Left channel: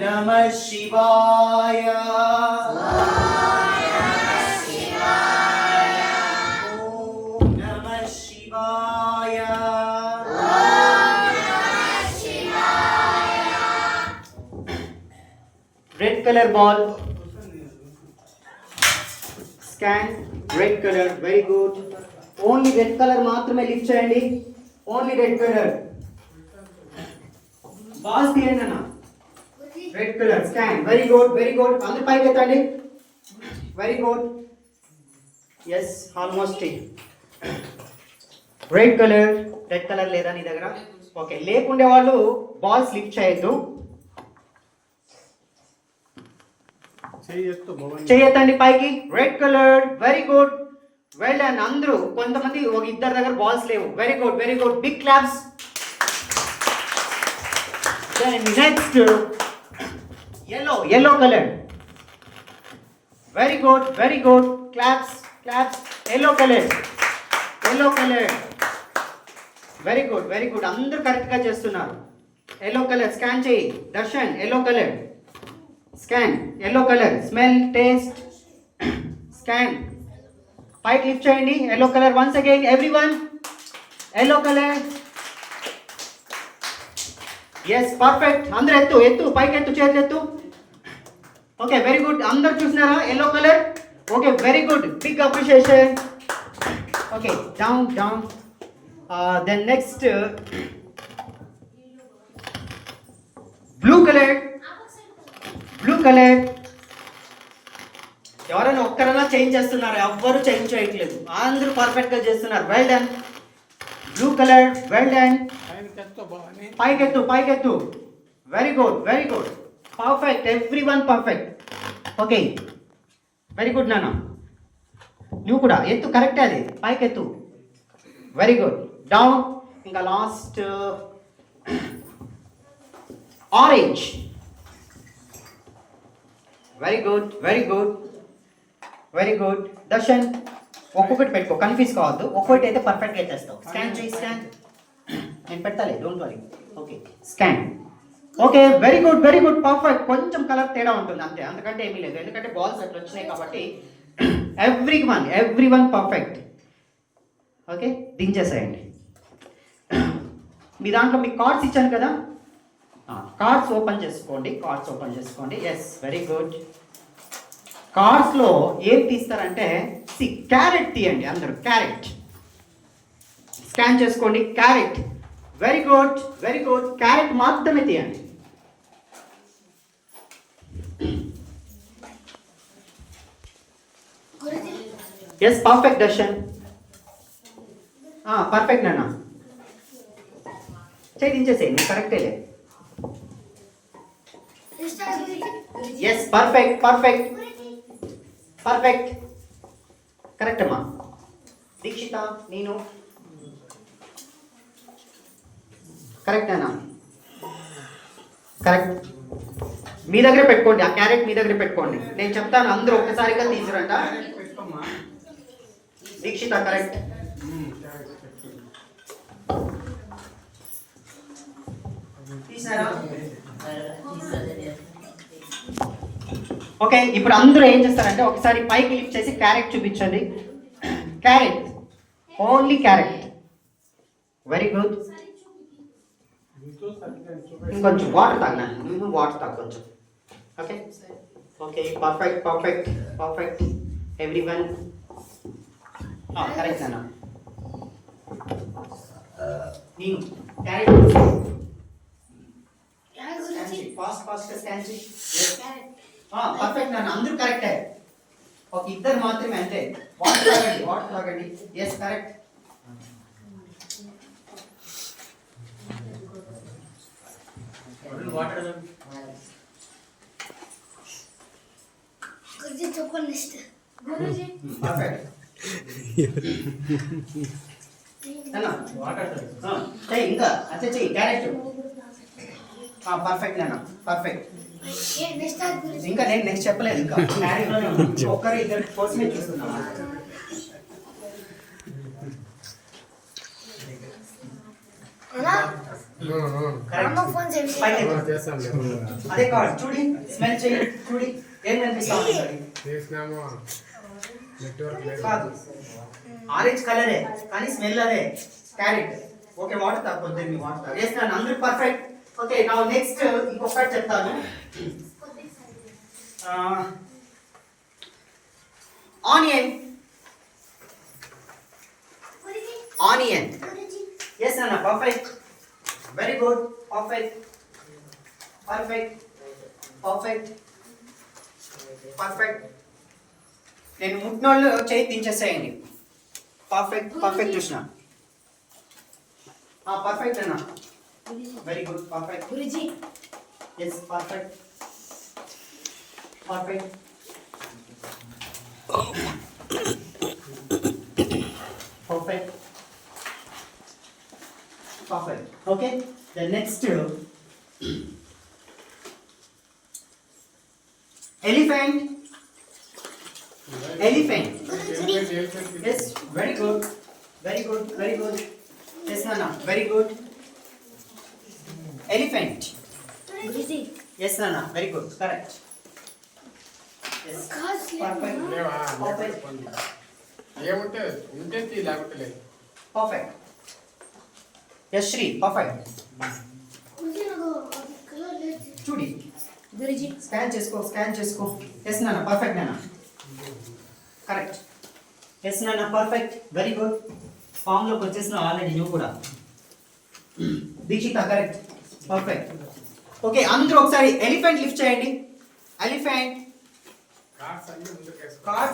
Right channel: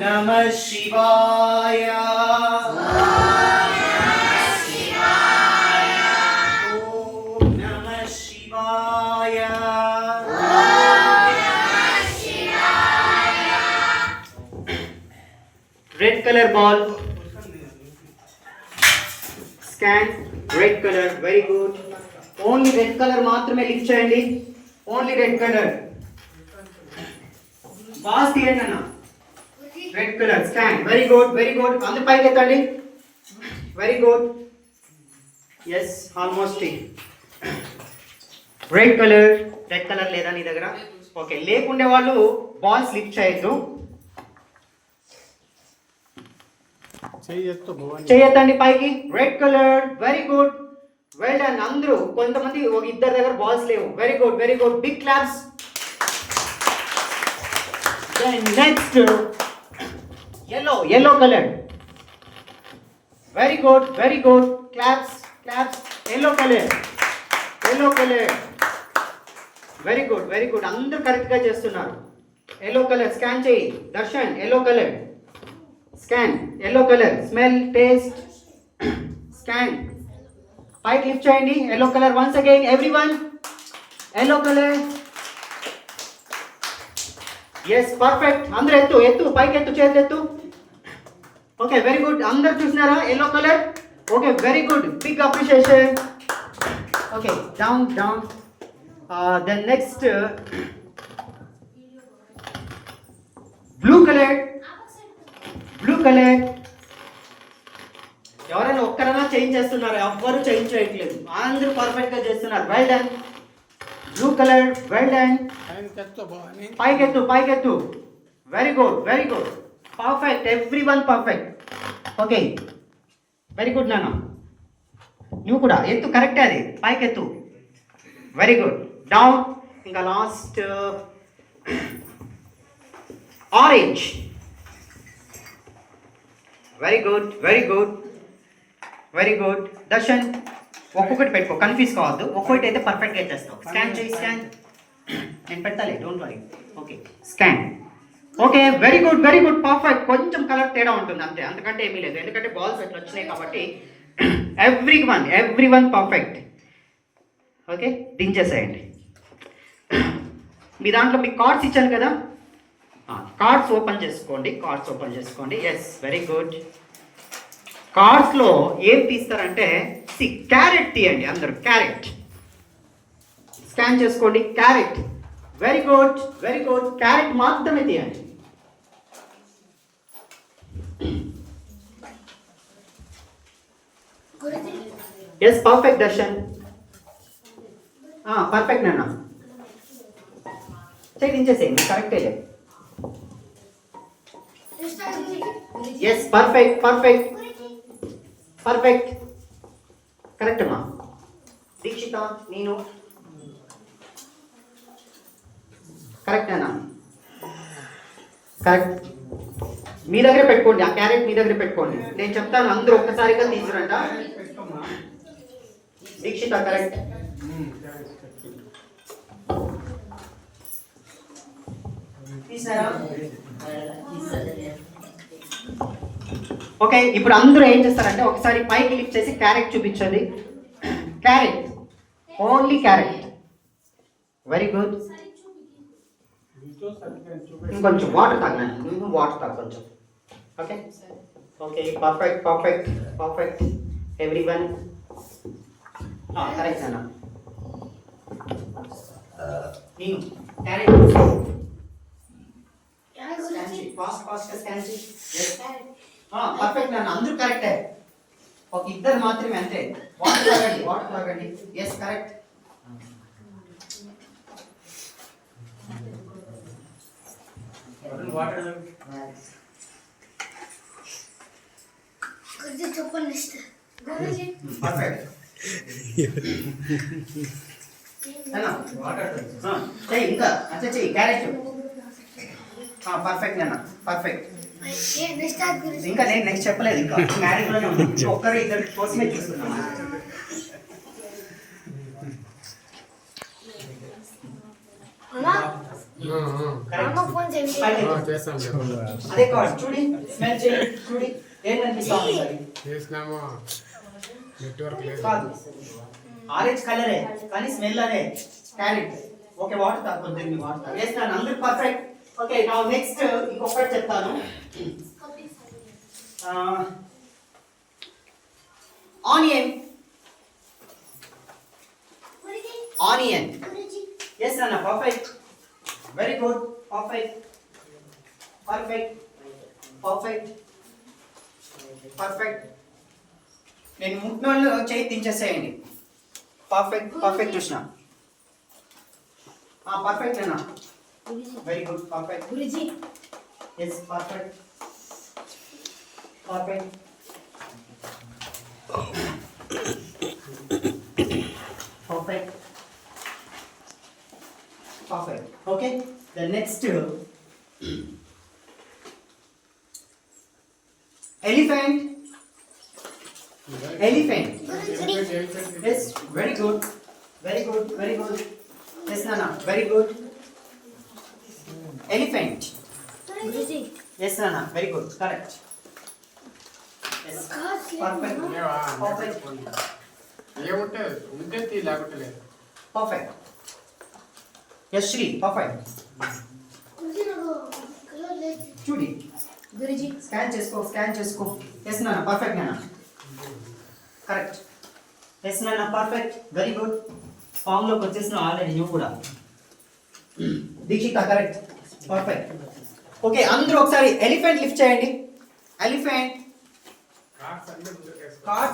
Namah Shivaya. Om Namah Shivaya. Red color ball. Scan. Red color. Very good. Only red color మాత్రమే లిఫ్ట్ చేయండి. Only red color. Boss తీయండి అన్న. Red color. Scan. Very good. Very good. అందరూ పైకి ఎత్తండి. Very good. Yes. Almost. Red color. Red color లేదా నీ దగ్గర? ఓకే. లేకుండే వాళ్ళు బాల్స్ లిఫ్ట్ చేయొద్దు. చేయొద్దండి పైకి. Red colour. Very good. Well done. అందరూ కొంతమంది ఒక ఇద్దరు దగ్గర బాల్స్ లేవు. Very good. Very good. Big claps. Then next yellow color. Very good. Very good. Claps. Claps. Yellow color. Very good. Very good. అందరూ కరెక్ట్ గా చేస్తున్నారు. yellow color స్కాన్ చేయి. Darshan yellow color. Scan. Yellow color. Smell. Taste. Scan. Pike lift cheyandi. Yellow color once again. Everyone. Yellow color. Yes, perfect. Andaru ettu. Pike ettu. Cheyatlu ettu. Okay, very good. Andaru chusnara yellow color. Okay, very good. Big appreciation. Okay, down. Then next blue color. ఎవరైనా ఒక్కరైనా చేంజ్ చేస్తున్నారు? ఎవ్వరు చేంజ్ చేయట్లేదు. అందరూ perfect గా చేస్తున్నారు. Well done. Blue colour. Well done. పైకెత్తు. Very good. Perfect. Everyone perfect. Okay, very good నాన్న. నువ్వు కూడా ఎత్తు. కరెక్టే అది. పైకెత్తు. Very good. డౌన్. ఇంకా last orange. Very good. Darshan ఒక్కొక్కటి పెట్టుకో. కన్ఫ్యూజ్ కావద్దు. ఒక్కొక్కటి అయితే పర్ఫెక్ట్గా చేస్తావు. స్కాన్ చేయి. స్కాన్ నేను పెడతాలే. Don't worry. Okay, scan. Okay, very good. Perfect. కొంచెం కలర్ తేడా ఉంటుంది అంతే, అందుకంటే ఏమీ లేదు. ఎందుకంటే బాల్స్ అట్లా వచ్చినాయి కాబట్టి ఎవ్రీవన్ పర్ఫెక్ట్. ఓకే, దించేసేయండి. మీ దాంట్లో మీకు కార్డ్స్ ఇచ్చాను కదా, కార్డ్స్ ఓపెన్ చేసుకోండి. Yes, very good. కార్డ్స్లో ఏం తీస్తారంటే క్యారెట్ తీయండి. అందరూ క్యారెట్ స్కాన్ చేసుకోండి. క్యారెట్. Very good. క్యారెట్ మాత్రమే తీయండి. Yes, perfect Darshan. పర్ఫెక్ట్ నాన్న. చేసేయండి. కరెక్టే. Yes, perfect. కరెక్ట్ అమ్మా. దీక్షిత, నేను కరెక్ట్ అన్నా. కరెక్ట్. మీ దగ్గర పెట్టుకోండి. ఆ క్యారెట్ మీ దగ్గర పెట్టుకోండి. నేను చెప్తాను, అందరూ ఒక్కసారిగా తీసుకురంట. దీక్షిత కరెక్ట్. ఓకే, ఇప్పుడు అందరూ ఏం చేస్తారంటే ఒకసారి పైకి లిఫ్ట్ చేసి క్యారెట్ చూపించండి. Carrot. Only carrot. Very good. ఇంకొంచెం వాటర్ తాగినా. నువ్వు వాటర్ తాగు కొంచెం. Okay, perfect. ఎవ్రీవన్ కరెక్ట్ అన్న. నేను క్యారెట్ ఫాస్ట్ స్కాన్ చేయి. పర్ఫెక్ట్ అన్న. అందరూ కరెక్టే. ఒక ఇద్దరు మాత్రమే అంతే. వాటర్ తాగండి. Yes, correct. వాటర్ చెప్పండి. పర్ఫెక్ట్. ఇంకా అంతే చెయ్యి. క్యారెట్. పర్ఫెక్ట్ అన్న. పర్ఫెక్ట్. ఇంకా నేను నెక్స్ట్ చెప్పలేదు. ఇంకా మ్యారేజ్ ఒక్కరు ఇద్దరు కోసమే చూస్తున్నాను. అమ్మ ఫోన్ చేయండి. చేస్తాం అదే కార్డ్ చూడి, స్మెల్ చేయి, చూడి ఏం కనిపిస్తా ఉంది సార్? చేసినాము నెట్వర్క్ లేదు కాదు, ఆరెంజ్ కలరే కానీ స్మెల్ అదే క్యారెట్. ఓకే, వాటర్ తాగొద్దు, మీ వాటర్ వేస్తాను, అందరూ పర్ఫెక్ట్. ఓకే, నా నెక్స్ట్ ఇంకొకటి చెప్తాను. Onion, onion. ఎస్ నాన్న, perfect, very good, perfect, perfect, perfect, perfect. నేను ముట్టినోళ్ళు చేయి దించేసేయండి. Perfect, perfect Krishna. పర్ఫెక్ట్ అన్న, very good, perfect. Guruji yes, perfect, perfect, perfect, perfect. Okay, the next elephant, elephant. Yes, very good, very good, very good. Yes, Nana, very good. Elephant. Guruji Yes, Nana, very good, correct. Yes, perfect, లేవా perfect, ఏముంటే ఉంటే తీ, లేకుంటే లేదు. perfect. Yes, Shri, perfect. చూడి, గురుజీ స్కాన్ చేసుకో, స్కాన్ చేసుకో. Yes, Nana, perfect, Nana. Correct. Yes, Nana, perfect, very good. Form లోకి వచ్చేసినావు ఆల్రెడీ నువ్వు కూడా. Dikshita, correct, perfect. ఓకే, అందరూ ఒకసారి ఎలిఫెంట్ లిఫ్ట్ చేయండి. ఎలిఫెంట్ కార్డ్స్ అన్నీ ముందుకు వేసుకో. కార్డ్